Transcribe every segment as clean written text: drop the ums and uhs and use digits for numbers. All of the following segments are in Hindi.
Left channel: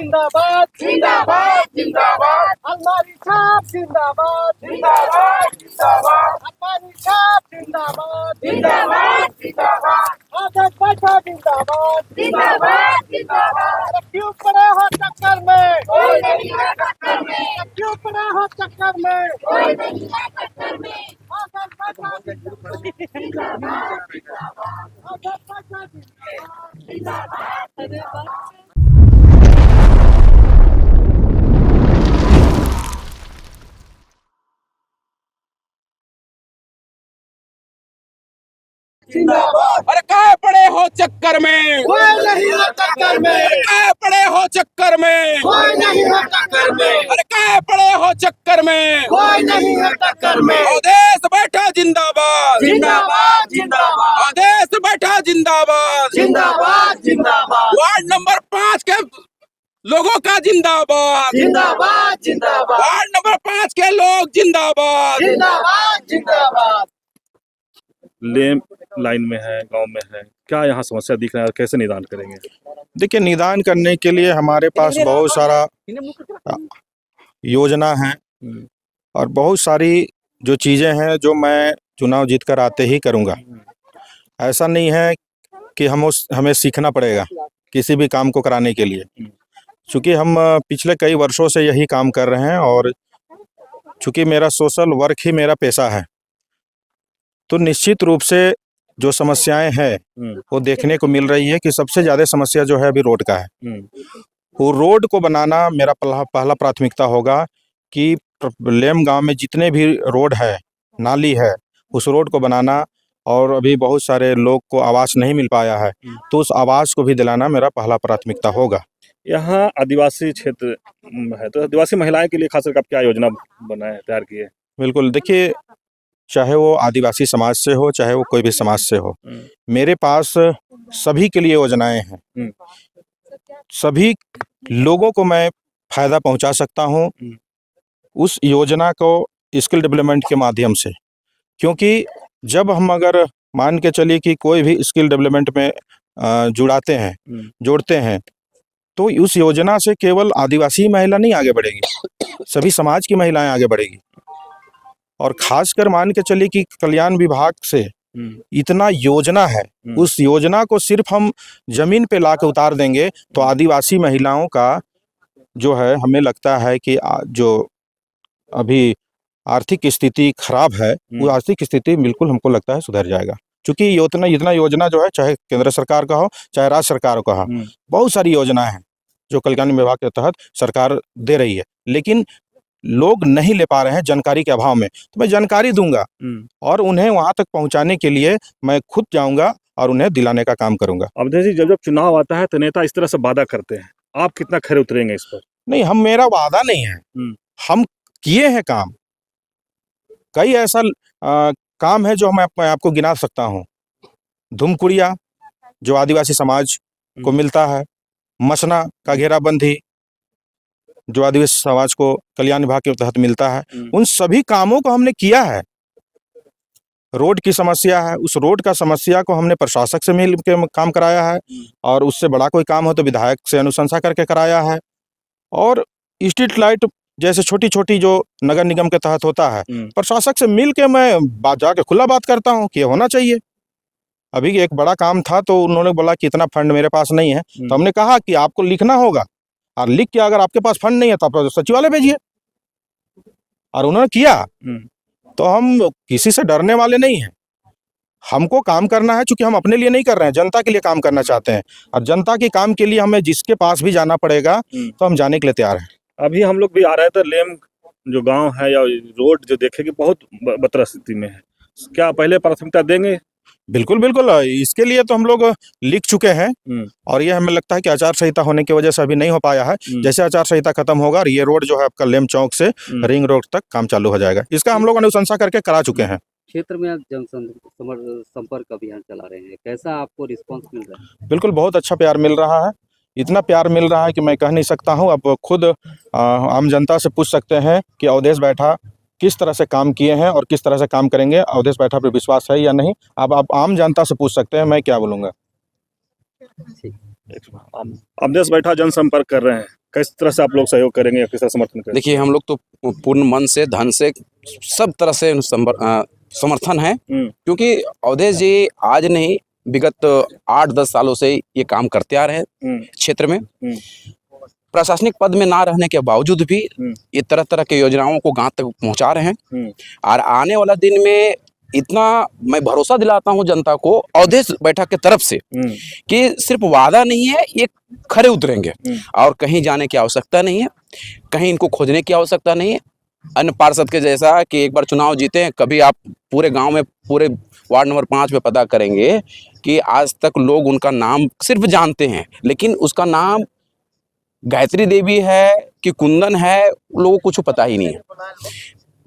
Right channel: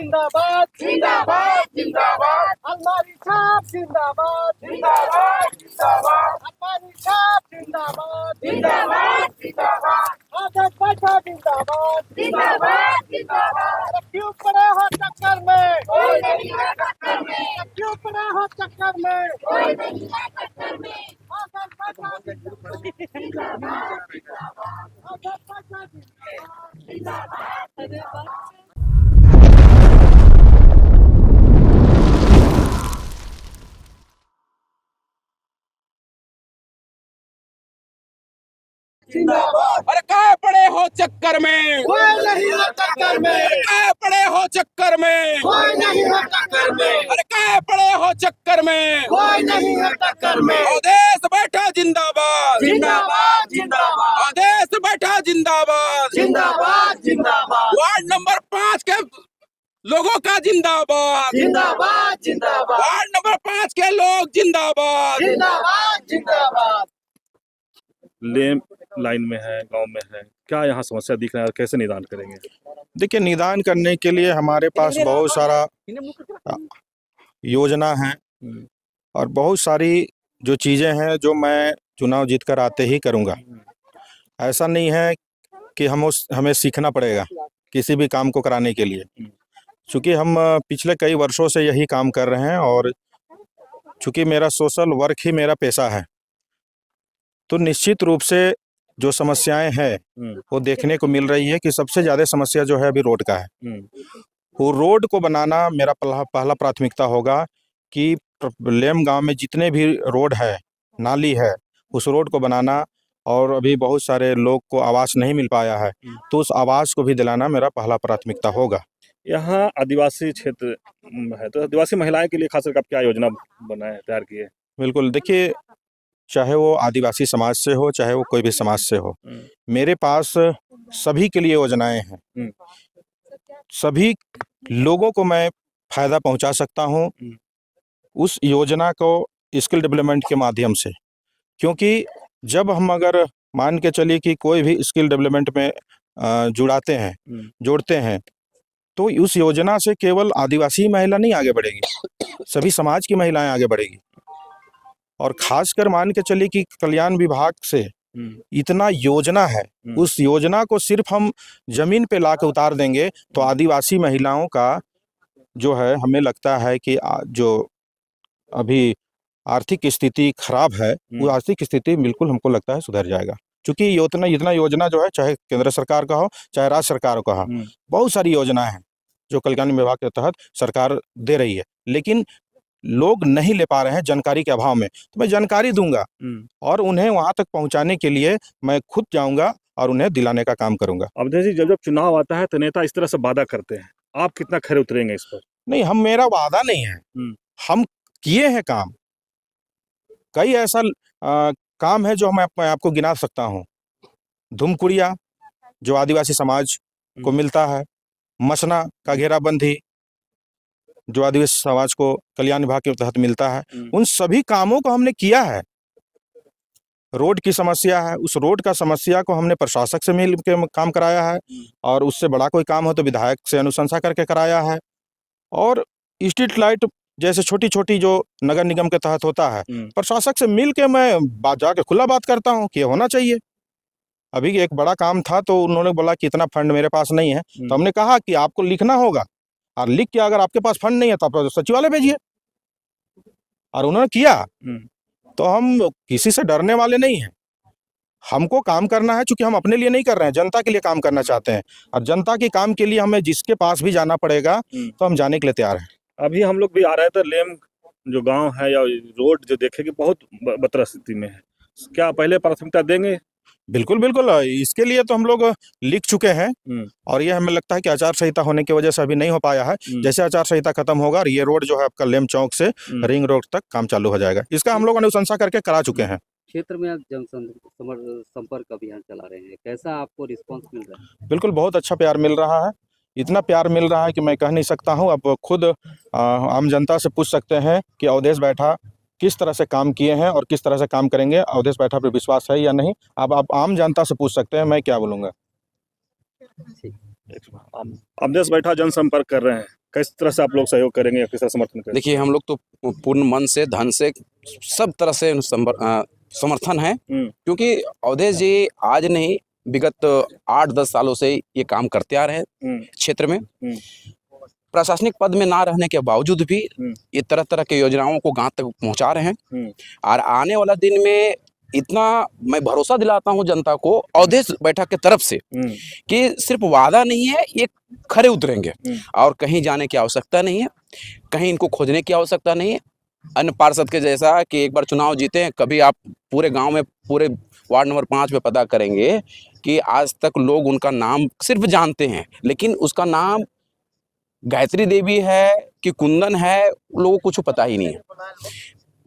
जिंदाबाद जिंदाबाद जिंदाबाद अलमारी छाप जिंदाबाद जिंदाबाद जिंदाबाद अलमारी छाप जिंदाबाद जिंदाबाद जिंदाबाद आजाद बैठा जिंदाबाद जिंदाबाद जिंदाबाद क्यों पड़े हो चक्कर में कोई नहीं है टक्कर में क्यों पड़े हो चक्कर में कोई नहीं है टक्कर में आजाद बैठा जिंदाबाद आजाद बैठा जिंदाबाद अरे कहाँ पड़े हो चक्कर में कोई नहीं है टक्कर में कहाँ पड़े हो चक्कर में कोई नहीं है टक्कर में अरे कहाँ पड़े हो चक्कर में कोई नहीं है टक्कर में अवधेश बैठा जिंदाबाद जिंदाबाद जिंदाबाद अवधेश बैठा जिंदाबाद जिंदाबाद जिंदाबाद वार्ड नंबर 5 के लोगों का जिंदाबाद जिंदाबाद जिंदाबाद वार्ड नंबर 5 के लोग जिंदाबाद जिंदाबाद जिंदाबाद लेम लाइन में है, गांव में है, क्या यहाँ समस्या दिख रहा है, कैसे निदान करेंगे? देखिए, निदान करने के लिए हमारे पास बहुत सारा योजना है और बहुत सारी जो चीज़ें हैं जो मैं चुनाव जीत कर आते ही करूँगा। ऐसा नहीं है कि हमें सीखना पड़ेगा किसी भी काम को कराने के लिए, चूँकि हम पिछले कई वर्षों से यही काम कर रहे हैं और चूँकि मेरा सोशल वर्क ही मेरा पेशा है, तो निश्चित रूप से जो समस्याएं हैं वो देखने को मिल रही है कि सबसे ज़्यादा समस्या जो है अभी रोड का है। वो रोड को बनाना मेरा पहला प्राथमिकता होगा कि लेम गांव में जितने भी रोड है, नाली है, उस रोड को बनाना, और अभी बहुत सारे लोग को आवास नहीं मिल पाया है तो उस आवास को भी दिलाना मेरा पहला प्राथमिकता होगा। यहाँ आदिवासी क्षेत्र है तो आदिवासी महिलाएं के लिए खासकर आप क्या योजना बनाए तैयार किए? बिल्कुल, देखिए, चाहे वो आदिवासी समाज से हो चाहे वो कोई भी समाज से हो, मेरे पास सभी के लिए योजनाएं हैं। सभी लोगों को मैं फ़ायदा पहुंचा सकता हूं उस योजना को स्किल डेवलपमेंट के माध्यम से, क्योंकि जब हम अगर मान के चलिए कि कोई भी स्किल डेवलपमेंट में जोड़ते हैं तो उस योजना से केवल आदिवासी महिला नहीं आगे बढ़ेगी, सभी समाज की महिलाएं आगे बढ़ेगी। और खासकर मान के चलिए कि कल्याण विभाग से इतना योजना है, उस योजना को सिर्फ हम जमीन पे ला के उतार देंगे तो आदिवासी महिलाओं का जो है, हमें लगता है कि जो अभी आर्थिक स्थिति खराब है वो आर्थिक स्थिति बिल्कुल हमको लगता है सुधर जाएगा, क्योंकि इतना योजना जो है, चाहे केंद्र सरकार का हो चाहे राज्य सरकार का हो, बहुत सारी योजनाएं हैं जो कल्याण विभाग के तहत सरकार दे रही है, लेकिन लोग नहीं ले पा रहे हैं जानकारी के अभाव में। तो मैं जानकारी दूंगा और उन्हें वहां तक पहुंचाने के लिए मैं खुद जाऊंगा और उन्हें दिलाने का काम करूंगा। अवधेश जी, जब चुनाव आता है तो नेता इस तरह से वादा करते हैं, आप कितना खरे उतरेंगे इस पर? नहीं, मेरा वादा नहीं है, हम किए हैं काम। कई ऐसा काम है जो मैं आपको गिना सकता हूँ। धुमकुड़िया जो आदिवासी समाज को मिलता है, मसना का घेराबंदी जो आदिवासी समाज को कल्याण विभाग के तहत मिलता है, उन सभी कामों को हमने किया है। रोड की समस्या है, उस रोड का समस्या को हमने प्रशासक से मिल के काम कराया है, और उससे बड़ा कोई काम हो तो विधायक से अनुशंसा करके कराया है। और स्ट्रीट लाइट जैसे छोटी छोटी जो नगर निगम के तहत होता है, प्रशासक से मिल के मैं जाके खुला बात करता हूँ कि होना चाहिए। अभी एक बड़ा काम था तो उन्होंने बोला कि इतना फंड मेरे पास नहीं है, तो हमने कहा कि आपको लिखना होगा और लिख के अगर आपके पास फंड नहीं है तो आप सचिवालय भेजिए, और उन्होंने किया। तो हम किसी से डरने वाले नहीं हैं, हमको काम करना है, क्योंकि हम अपने लिए नहीं कर रहे हैं, जनता के लिए काम करना चाहते हैं, और जनता के काम के लिए हमें जिसके पास भी जाना पड़ेगा तो हम जाने के लिए तैयार हैं। अभी हम लोग भी आ रहे थे, लेम जो गांव है या रोड जो देखेंगे बहुत बदतर स्थिति में है, क्या पहले प्राथमिकता देंगे? बिल्कुल बिल्कुल, इसके लिए तो हम लोग लिख चुके हैं, और ये हमें लगता है कि आचार संहिता होने की वजह से अभी नहीं हो पाया है। जैसे आचार संहिता खत्म होगा और ये रोड जो है आपका लेम चौक से रिंग रोड तक काम चालू हो जाएगा, इसका हम लोग अनुशंसा करके करा चुके हैं। क्षेत्र में आप संपर्क अभियान चला रहे हैं, कैसा आपको रिस्पांस मिल रहा है? बिल्कुल, बहुत अच्छा प्यार मिल रहा है, इतना प्यार मिल रहा है कि मैं कह नहीं सकता हूँ। अब खुद आम जनता से पूछ सकते हैं कि अवधेश बैठा किस तरह से काम किए हैं और किस तरह से काम करेंगे, अवधेश बैठा पर विश्वास है या नहीं, अब आप आम जनता से पूछ सकते हैं, मैं क्या बोलूँगा। अवधेश बैठा जनसंपर्क कर रहे हैं, किस तरह से आप लोग सहयोग करेंगे या किस तरह समर्थन करेंगे? देखिए, हम लोग तो पूर्ण मन से, धन से, सब तरह से समर्थन है, क्योंकि अवधेश जी आज नहीं, विगत 8-10 सालों से ये काम करते आ रहे हैं क्षेत्र में। प्रशासनिक पद में ना रहने के बावजूद भी ये तरह तरह के योजनाओं को गांव तक पहुंचा रहे हैं, और आने वाला दिन में इतना मैं भरोसा दिलाता हूं जनता को अवधेश बैठक के तरफ से कि सिर्फ वादा नहीं है, ये खरे उतरेंगे और कहीं जाने की आवश्यकता नहीं है, कहीं इनको खोजने की आवश्यकता नहीं है। अन्य पार्षद के जैसा कि एक बार चुनाव जीते हैं, कभी आप पूरे गांव में, पूरे वार्ड नंबर 5 में पता करेंगे कि आज तक लोग उनका नाम सिर्फ जानते हैं, लेकिन उसका नाम गायत्री देवी है कि कुंदन है, लोगों को कुछ पता ही नहीं है।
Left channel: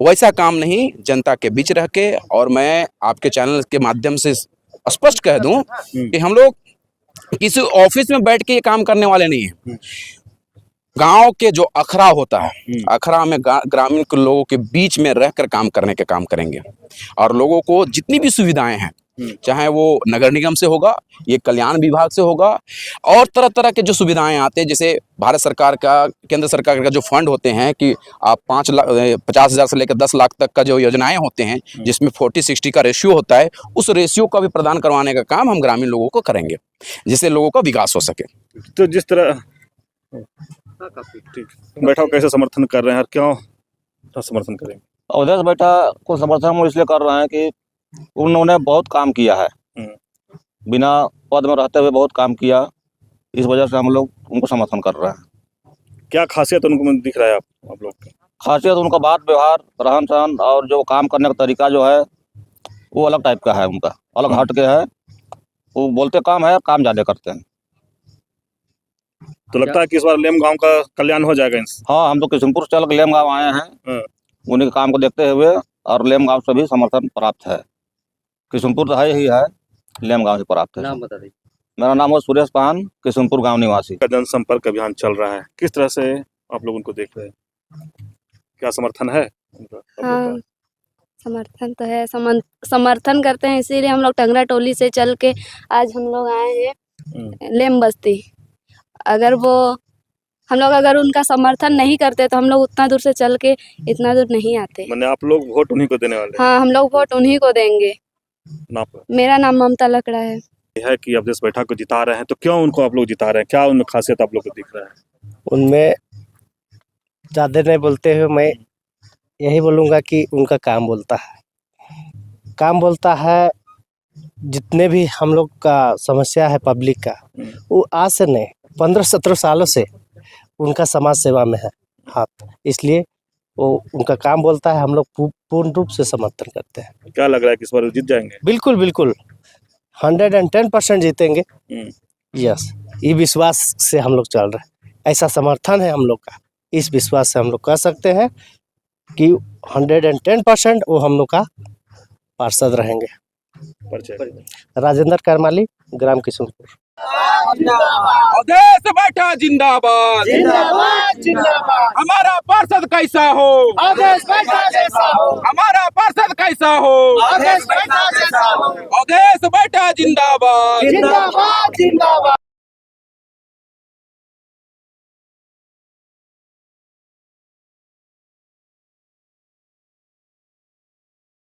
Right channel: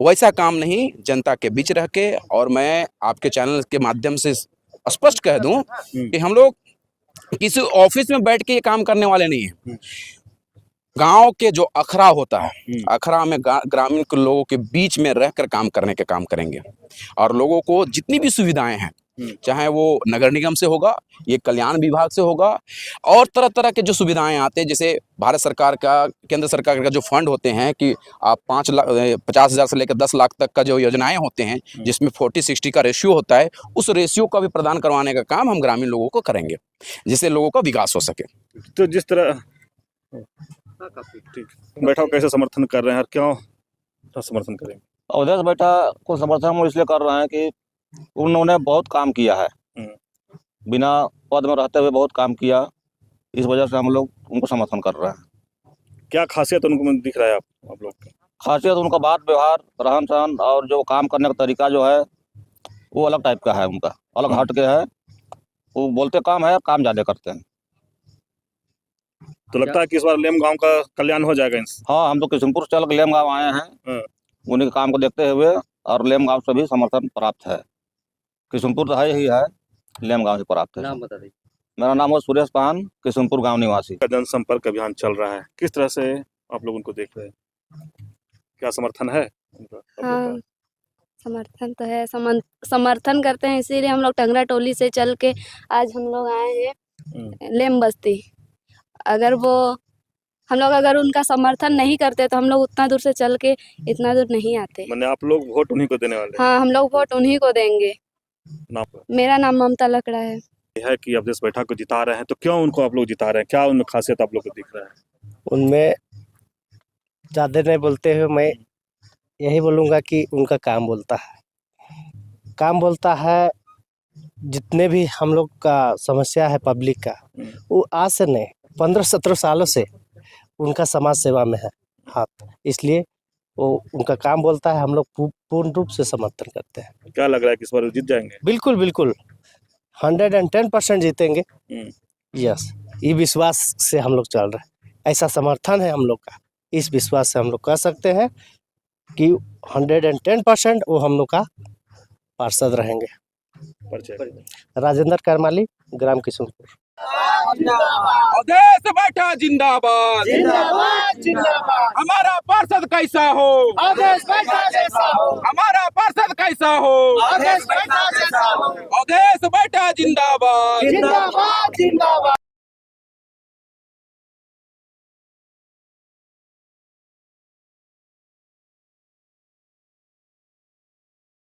वैसा काम नहीं, जनता के बीच रह के, और मैं आपके चैनल के माध्यम से स्पष्ट कह दूं कि हम लोग किसी ऑफिस में बैठ के ये काम करने वाले नहीं हैं। गांव के जो अखड़ा होता है, अखड़ा में ग्रामीण के लोगों के बीच में रहकर काम करने के काम करेंगे, और लोगों को जितनी भी सुविधाएं हैं, चाहे वो नगर निगम से होगा, ये कल्याण विभाग से होगा, और तरह तरह के जो सुविधाएं आते हैं, जैसे भारत सरकार का, केंद्र सरकार का जो फंड होते हैं कि आप 50,000 से लेकर 10 लाख तक का जो योजनाएं होते हैं, जिसमें 40-60 का रेशियो होता है, उस रेशियो का भी प्रदान करवाने का काम हम ग्रामीण लोगों को करेंगे, जिससे लोगों का विकास हो सके। तो जिस तरह ठीक बैठा कैसे समर्थन कर रहे हैं और क्यों समर्थन करेंगे? अवधेश बैठा को समर्थन हम इसलिए कर रहे हैं कि उन्होंने बहुत काम किया है, बिना पद में रहते हुए बहुत काम किया, इस वजह से हम लोग उनको समर्थन कर रहे हैं। क्या खासियत उनको दिख रहा है आप लोग के? खासियत उनका बात व्यवहार, रहन सहन और जो काम करने का तरीका जो है वो अलग टाइप का है, उनका अलग हट के है। वो बोलते काम है, काम ज़्यादा करते हैं। तो लगता है कि इस बार लेम गांव का कल्याण हो जाएगा? हाँ, हम तो किशनपुर चल के लेम गाँव आए हैं, उन्हीं के काम को देखते हुए, और लेम गाँव से भी समर्थन प्राप्त है। किशनपुर तो है ही है, लेम गाँव से प्राप्त है। नाम बता दीजिए। मेरा नाम है सुरेश पान, किशनपुर गाँव निवासी। का जनसंपर्क अभियान चल रहा है, किस तरह से आप लोग उनको देख रहे हैं? क्या समर्थन है उनका? हाँ, समर्थन तो है, समर्थन करते हैं, इसीलिए हम लोग टंगरा टोली से चल के आज हम लोग आए हैं लेम बस्ती। अगर अगर उनका समर्थन नहीं करते तो हम लोग उतना दूर से चल के इतना दूर नहीं आते। मैंने आप लोग वोट उन्हीं को देने वाले हैं? हाँ, हम लोग वोट उन्हीं को देंगे। मेरा नाम ममता लकड़ा है। है कि अवधेश बैठक को जिता रहे हैं, तो क्यों उनको आप लोग जिता रहे हैं? क्या उनमें खासियत आप लोग को दिख रहा है? उनमें ज़्यादा नहीं बोलते हुए मैं यही बोलूँगा कि उनका काम बोलता है, काम बोलता है। जितने भी हम लोग का समस्या है पब्लिक का, वो आज से नहीं 15-17 सालों से उनका समाज सेवा में है हाथ, इसलिए वो उनका काम बोलता है। हम लोग पूर्ण रूप से समर्थन करते हैं। क्या लग रहा है कि इस बार जीत जाएंगे? बिल्कुल बिल्कुल 110% जीतेंगे। यस, ये विश्वास से हम लोग चल रहे हैं, ऐसा समर्थन है हम लोग का। इस विश्वास से हम लोग कह सकते हैं कि 110% वो हम लोग का पार्षद रहेंगे। राजेंद्र करमाली, ग्राम किशनपुर। अवधेश बैठा जिंदाबाद, जिंदाबाद जिंदाबाद। हमारा पार्षद कैसा हो, अवधेश बैठा जैसा हो, हमारा पार्षद कैसा हो, अवधेश बैठा जैसा हो। अवधेश बैठा जिंदाबाद। जिंदाबाद जिंदाबाद।